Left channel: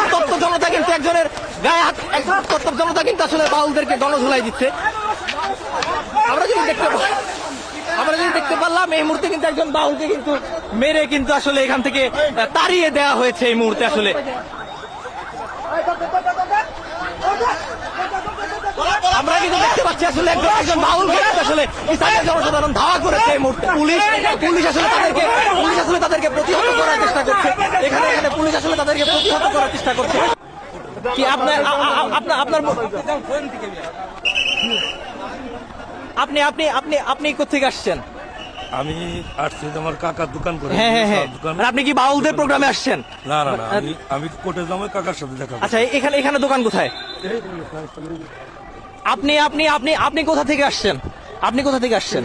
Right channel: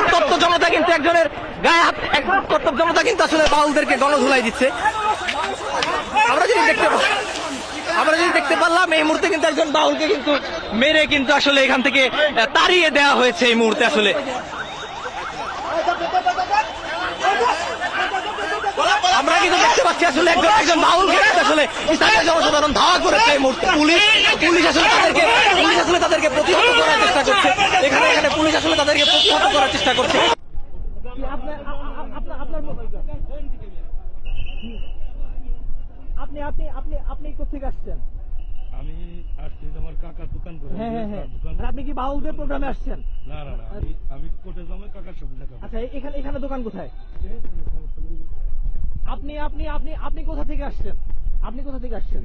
উত্তপ্ত জনতা কিন্তু একজনের গায়ে হাত এক উত্তপ্ত জনতা কিন্তু আসলে বাউলদেরকে গণধুলাই দিচ্ছে। আমরা যদি দেখতে আমরা যদি দেখতে পারলাম, এই মুহূর্তে কিন্তু একজন বাউলকে কিন্তু মেরে কিন্তু আসলে এখান থেকে তাড়িয়ে দেওয়া হয়েছে এই মুহূর্তে আসলে। আমরা কিন্তু দেখতে পাচ্ছি আসলে একজন একজন বাউলকে আসলে স্থানীয় জনসাধারণ ধাওয়া করেছে এই মুহূর্তে। পুলিশ পুলিশ আসলে তাদেরকে প্রতিহত করার চেষ্টা করছে এখানে এখানে পুলিশ আসলে তাদেরকে প্রতিহত করার চেষ্টা করছে। কি আপনার আপনার আপনার আপনি আপনি আপনি আপনি কোথেকে আসছেন? আমি আসছি আমার কাকার দোকান করে হ্যাঁ হ্যাঁ হ্যাঁ। আপনি কি বাউলদের প্রোগ্রামে আসছেন? না না না আমি আমি কোর্টে যাব কাকার সাথে দেখা আচ্ছা এখানে এখানে দোকান কোথায়? আপনি আপনি আপনি আপনি কোথা থেকে আসছেন? আপনি কোথা থেকে আসছেন?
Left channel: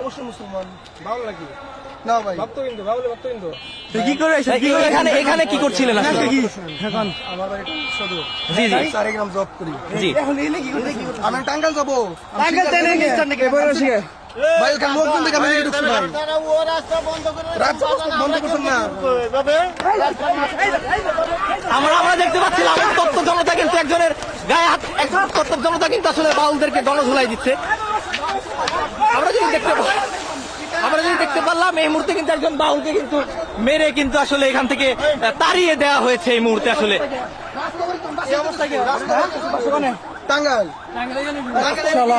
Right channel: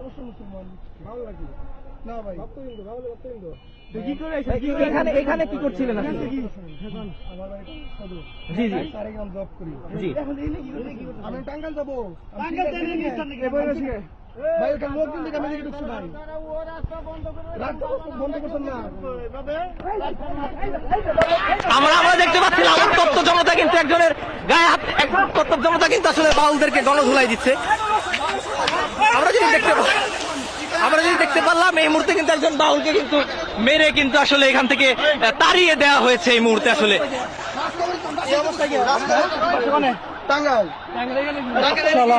অবশ্যই মুসলমান। ভালো লাগে। না ভাই। ভক্তবিন্দু ভালো ভক্তবিন্দু। এখানে এখানে কি করছিলেন আসলে? আমার বাড়ি সদর। জি জি। চারে গ্রাম জব করি। জি। আমি টাঙ্গাইল যাব। ভাই ওখানে লোকজন দেখে আমি ঢুকছি ভাই। রাস্তা বন্ধ করছেন না। আমরা আমরা দেখতে পাচ্ছিলাম উত্তপ্ত জনতা কিন্তু একজনের গায়ে হাত এক উত্তপ্ত জনতা কিন্তু আসলে বাউলদেরকে গণধুলাই দিচ্ছে। আমরা যদি দেখতে পাই আমরা যদি দেখতে পারলাম, এই মুহূর্তে কিন্তু একজন বাউলকে কিন্তু মেরে কিন্তু আসলে এখান থেকে তাড়িয়ে দেওয়া হয়েছে এই মুহূর্তে আসলে। টাঙ্গাইল। আমরা